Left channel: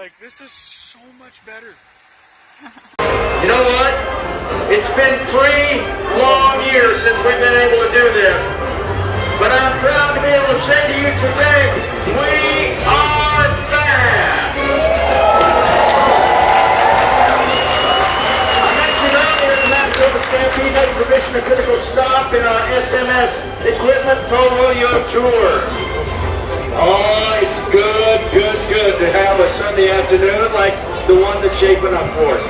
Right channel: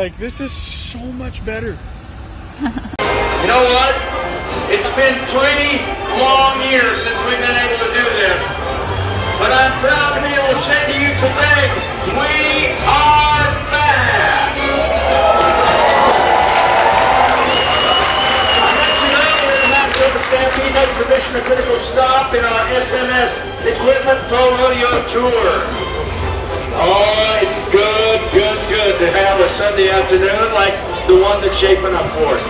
Like, this is so much better. You know what? It's been 3 long years since we've been able to do this. But I'm proud to be able to say to you today, we are back! I mentioned earlier the Manitoba Stampede exhibition a critical stop in our SMS Equipment Pro Rodeo Tour. Oh, it's good to have a Sunday afternoon like the one that's shaping up for us.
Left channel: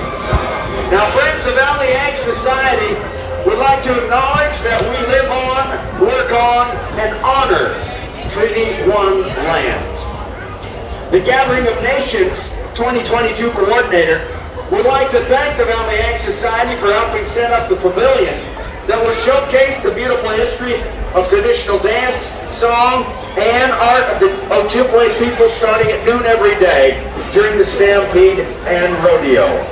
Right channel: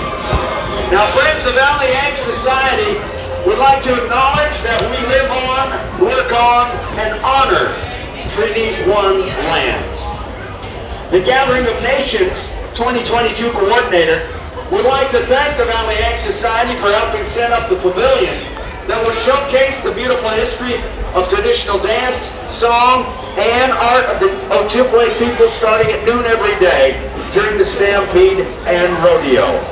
Now, friends, the Valley Ag Society would like to acknowledge that we live on, work on, and honor Treaty 1 land. The Gathering of Nations 2022 coordinator would like to thank the Valley Ag Society for helping set up the pavilion that will showcase the beautiful history of traditional dance, song, and art of the Ojibwe people starting at noon every day during the Stampede and Rodeo.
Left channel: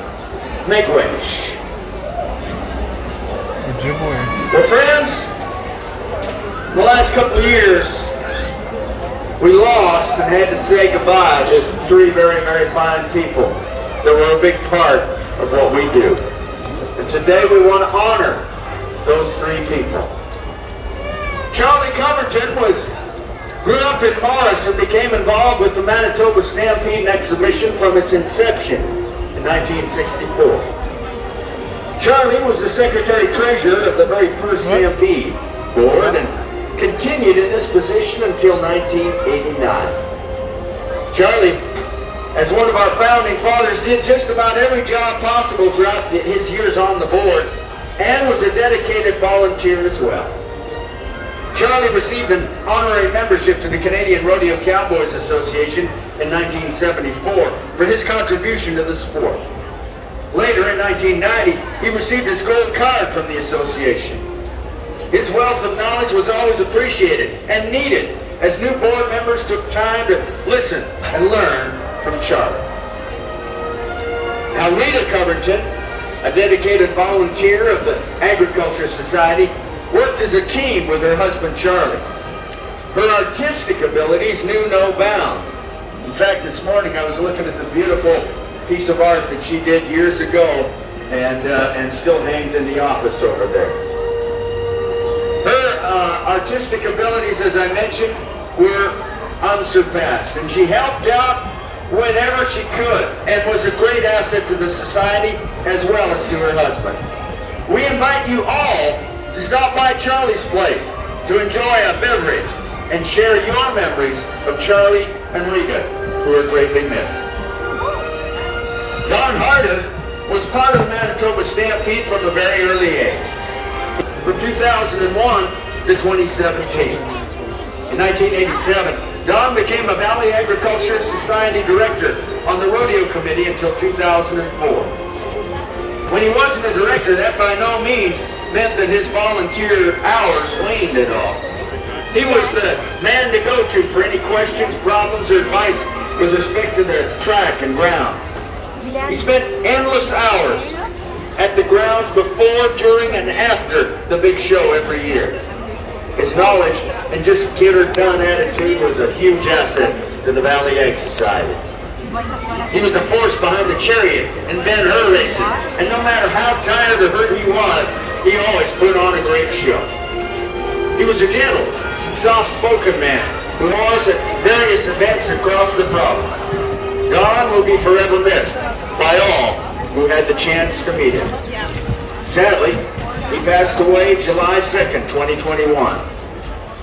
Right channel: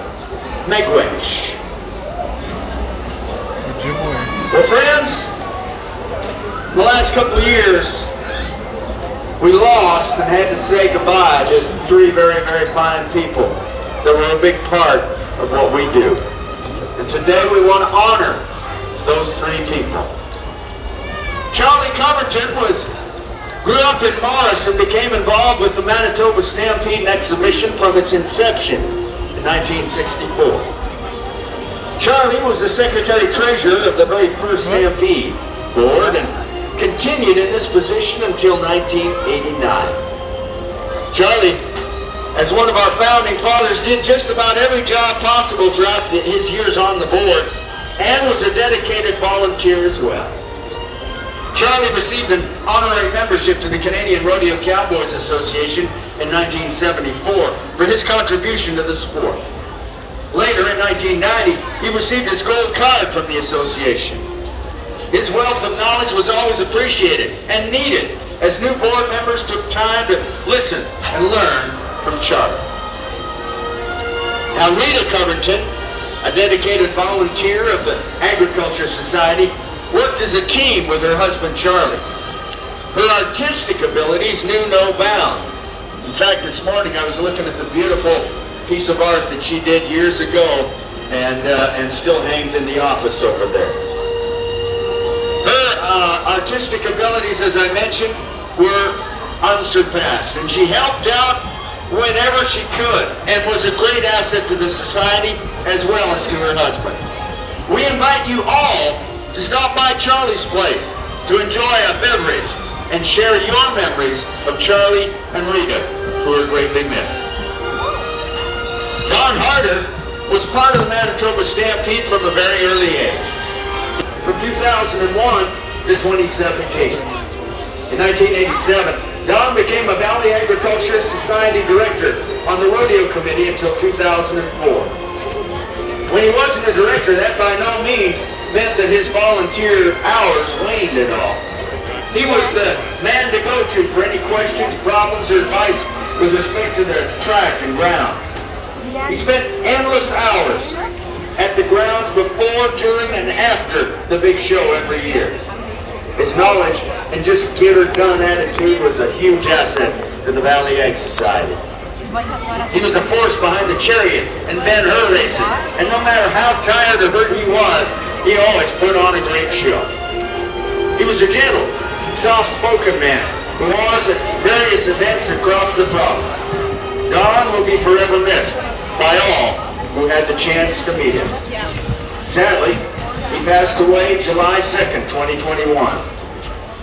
Miigwech. Well, friends, the last couple of years, we lost and had to say goodbye to 3 very, very fine people that were a big part of what we do. And today we want to honor those 3 people. Charlie Covington grew up in Morris and became involved with the Manitoba Stampede exhibition from its inception in 1964. Charlie was the secretary-treasurer of the very first Stampede board and continued in this position until 1989. Charlie, as one of our founding fathers, did just about every job possible throughout his years on the board and was a dedicated volunteer as well. Charlie received an honorary membership to the Canadian Rodeo Cowboys Association in 1974 for his contribution to the sport. Later, in 1990, he received his gold card from the association. His wealth of knowledge was always appreciated and needed as new board members took time to listen and learn from Charlie. Now, Rita Covington, a dedicated volunteer of the Agriculture Society, worked as a team with her husband Charlie. Her artistic abilities knew no bounds. In fact, this morning I was looking at the beautiful piece of art that she did years ago and still hangs in the office over there. Her artistic abilities, as I mentioned, were unsurpassed, and she helped out whenever she could and was a great asset to the society as well as to her husband. We invite you all to stop by Charlie's place to enjoy a beverage and share your memories of Charlie and Rita, who are greatly missed. Don Harder was part of the Manitoba Stampede from a very early age, from 2001 to 2017. In 1987, Don became a Valley Agriculture Society director on the rodeo committee until 2004. When he wasn't a director, that by no means meant that his volunteer hours waned at all. He was the man to go to for any questions, problems, or advice with respect to the track and grounds. He spent endless hours at the grounds before, during, and after the big show every year. His knowledge and just get-her-done attitude was a huge asset to the Valley Ag Society. He was the force behind the chariot and Ben-Hur racing, and no matter how tired or hurt he was, he always put on a great show. He was a gentle, soft-spoken man who was at various events across the province. Don will be forever missed by all who had the chance to meet him. Sadly, he passed away July 2nd, 2021.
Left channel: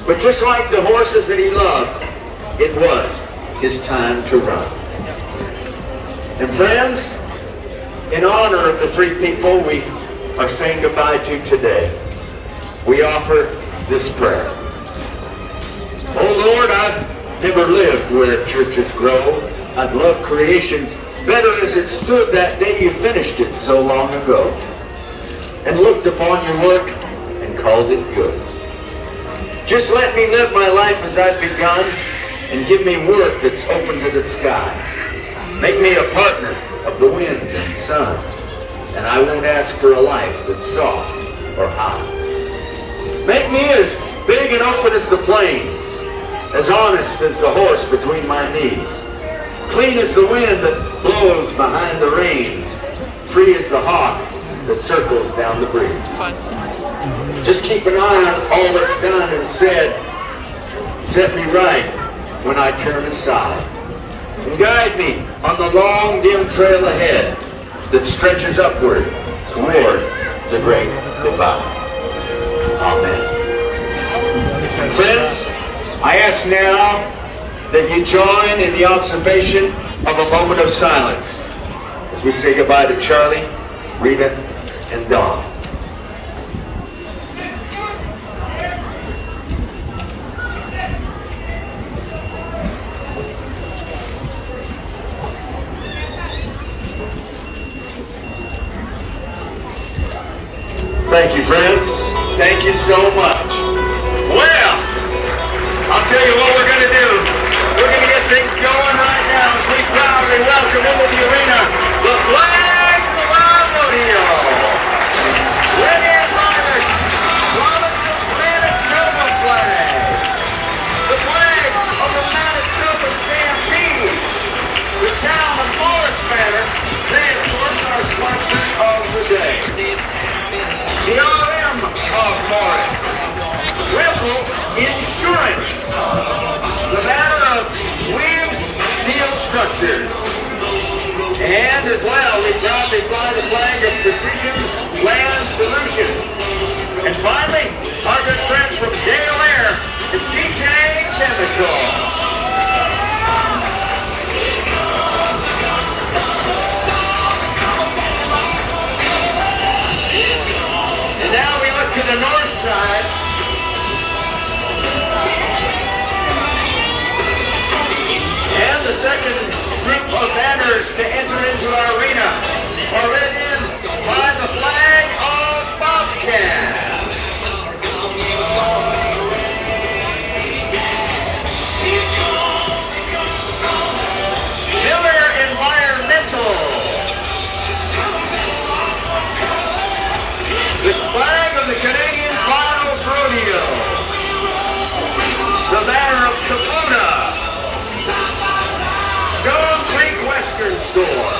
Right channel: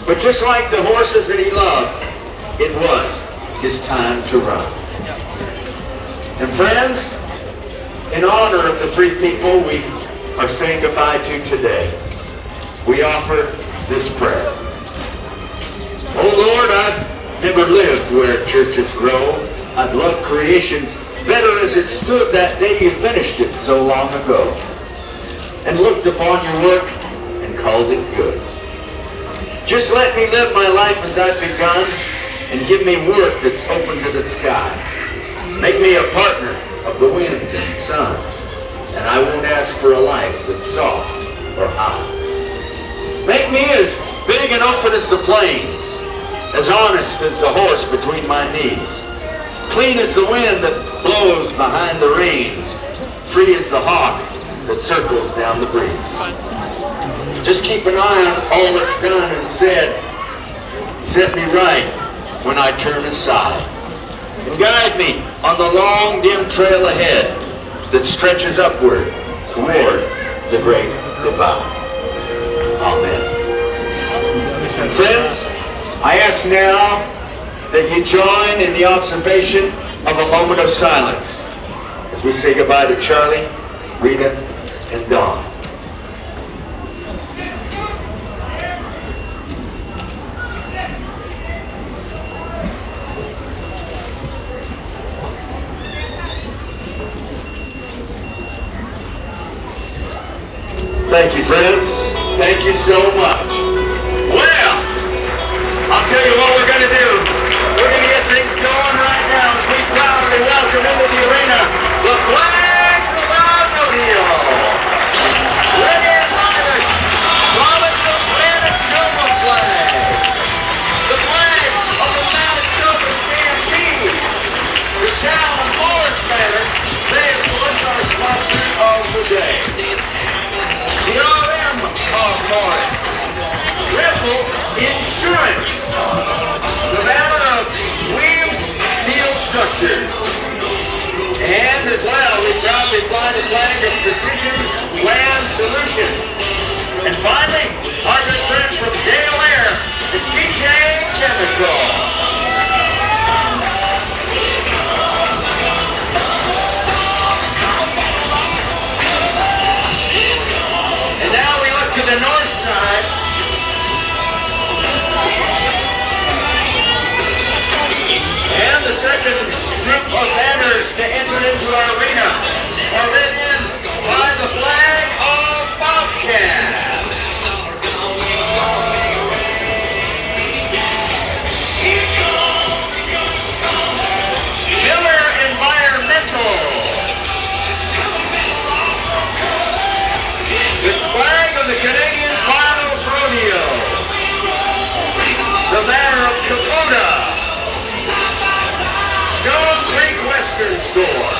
But just like the horses that he loved, it was his time to run. And friends, in honor of the 3 people we are saying goodbye to today, we offer this prayer. Oh Lord, I've never lived where churches grow. I've loved creations better as it stood that day you finished it so long ago, and looked upon your work and called it good. Just let me live my life as I've begun, and give me work that's open to the sky. Make me a partner of the wind and sun, and I won't ask for a life that's soft or high. Make me as big and open as the plains, as honest as the horse between my knees. clean as the wind that blows behind the reins, free as the hawk that circles down the breeze. Just keep an eye on all that's done and said, set me right when I turn aside, and guide me on the long dim trail ahead that stretches upward toward the great divide. Amen. And friends, I ask now that you join in the observation of a moment of silence as we say goodbye to Charlie, Rita, and Dawn. Thank you, friends. Thank you so much. Well, I'll tell you what we're going to do. We're going to get things going right now as we proudly welcome into the arena the flags of our rodeo. Red, violet, province of Manitoba flag. The flag of the Manitoba Stampede. The town of Morris Manor, they of course are sponsors of the day. The RM of Morris, Ripple Insurance, the banner of Williams Steel Structures, and as well, we proudly fly the flag of Precision Land Solutions. And finally, our good friends from Delaware, the TJ Chemical. To the north side, and the second group of banners to enter into our arena are written in by the flag of Bobcat. Killer Environmental. The flag of the Canadian Finals Rodeo. The banner of Kubota. Stone Creek Western Store.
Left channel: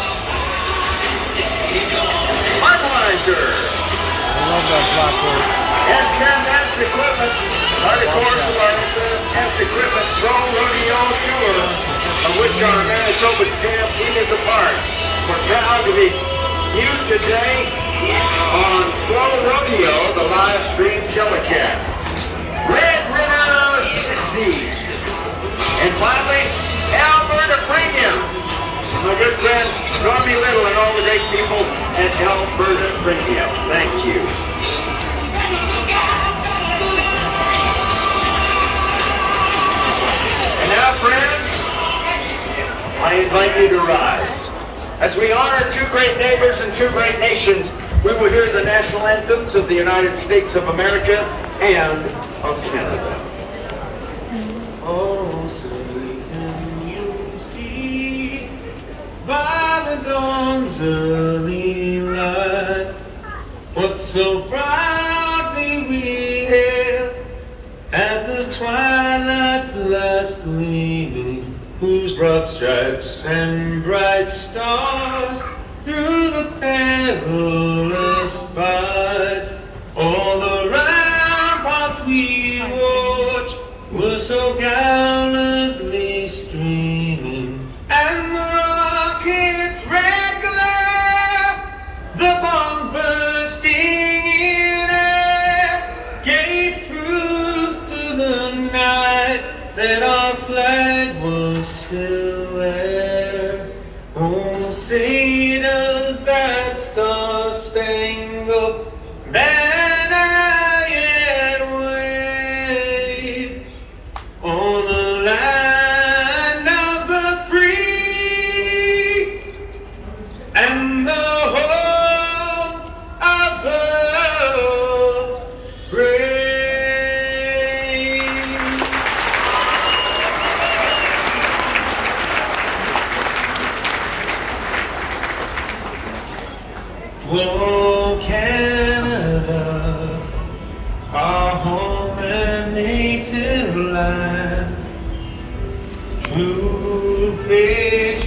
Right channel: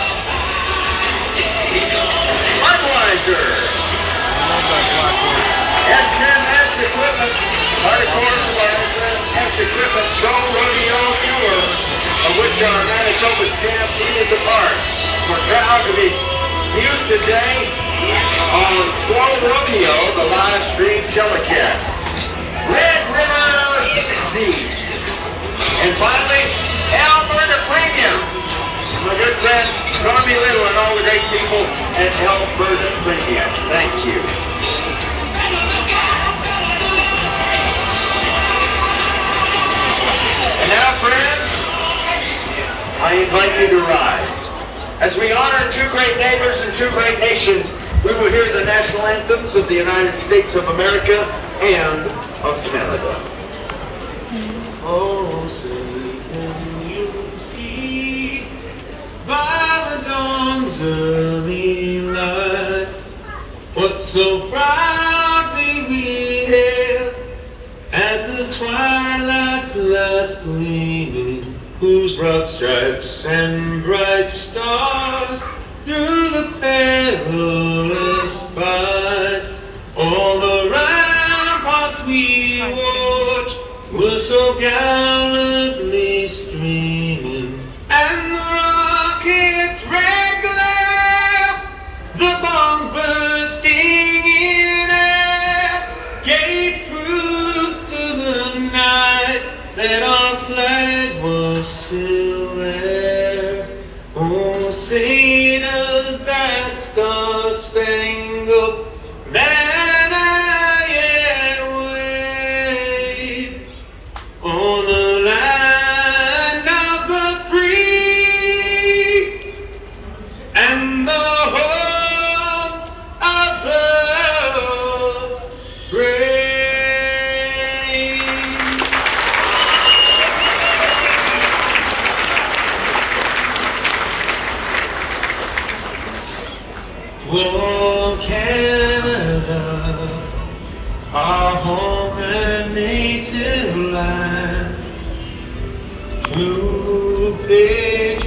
Budweiser. SMS Equipment. Of course, like SMS Equipment Pro Rodeo Tour, of which our Manitoba Stampede is a part. We're proud to be viewed today on Flow Rodeo, the live stream telecast. Red River Seed. And finally, Alberta Premium. My good friend, Stormy Little and all the great people at Alberta Premium. Thank you. And now, friends, I invite you to rise. As we honor two great neighbors and two great nations, we will hear the national anthems of the United States of America and of Canada. Oh, say can you see by the dawn's early light what so proudly we hailed at the twilight's last gleaming, whose broad stripes and bright stars through the perilous fight, all the ramparts we watched were so gallantly streaming, and the rockets' red glare, the bombs bursting in air, gave proof to the night that our flag was still there. Oh, say does that star-spangled banner yet wave on the land of the free and the home of the brave. Oh, Canada, our home and native land, true patriots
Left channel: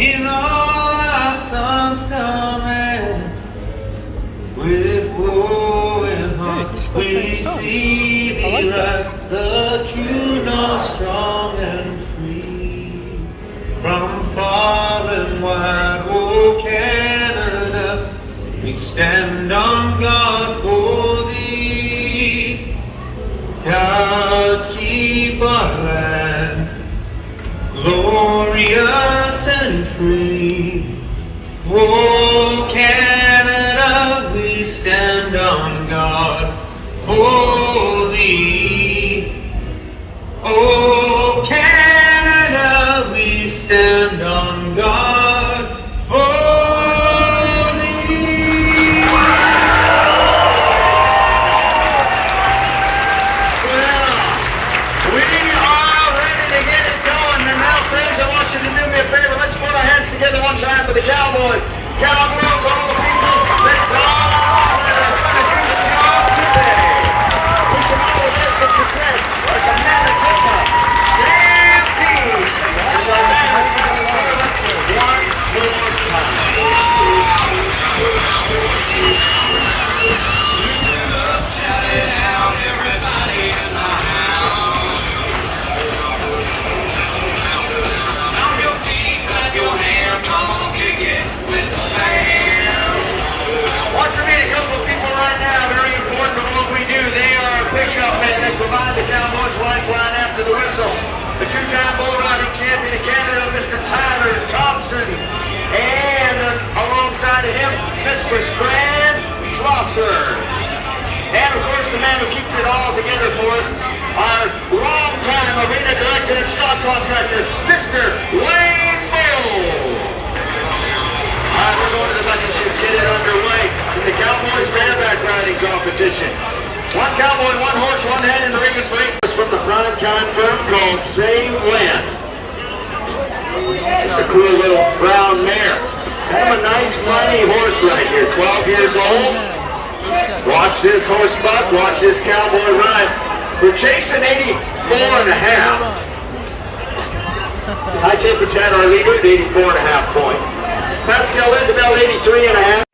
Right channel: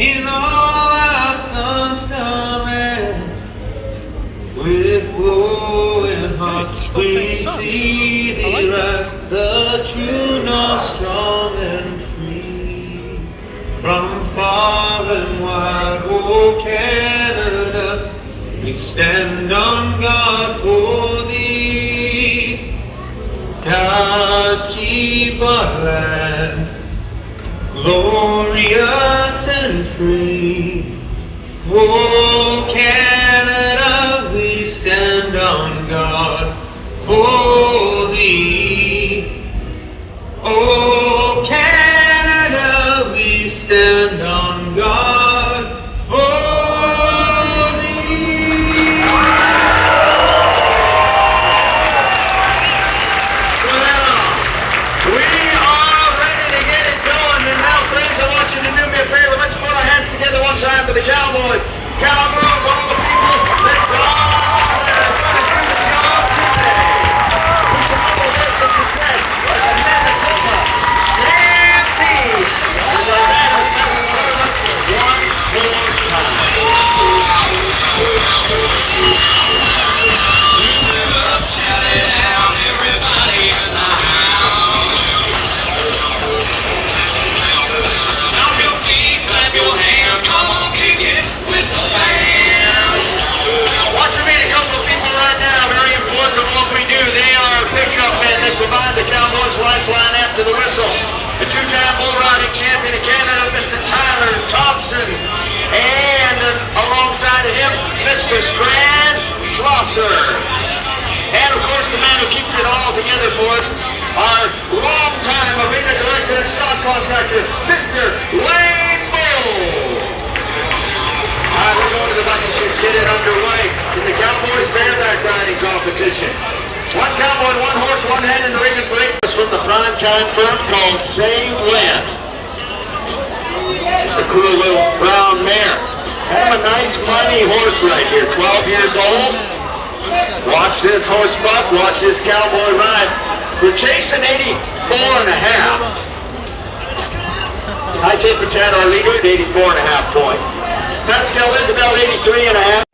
in all our sons coming, with glowing hearts we see thee rise, the true north, strong and free. From far and wide, oh Canada, we stand on guard for thee. God, keep our land glorious and free. Oh Canada, we stand on guard for thee. Oh Canada, we stand on guard for thee. Well, we are ready to get it going, and now, friends, I want you to do me a favor. Let's put our hands together one time to the Cowboys. Cowboys, all the people that God is going to do the job today. We should all this in success with the Manitoba Stampede. As our band is passing through us one more time. Provide the Cowboys lifeline after the whistle. The two-time bull riding champion of Canada, Mr. Tyler Thompson, and alongside of him, Mr. Strand Schlosser. And of course, the man who keeps it all together for us, our longtime arena director and stock contractor, Mr. Wayne Bull. We're going to let's get it underway in the Cowboys bareback riding competition. One cowboy, one horse, one head in the ring of three. This from the prime time firm called Same Land. It's a cool little brown mare. Kind of a nice money horse right here, 12 years old. Watch this horse buck, watch this cowboy ride. We're chasing 84 and a half. High Temper Channel, our leader at 84 and a half points. Pascal Isabel, 83 and a half.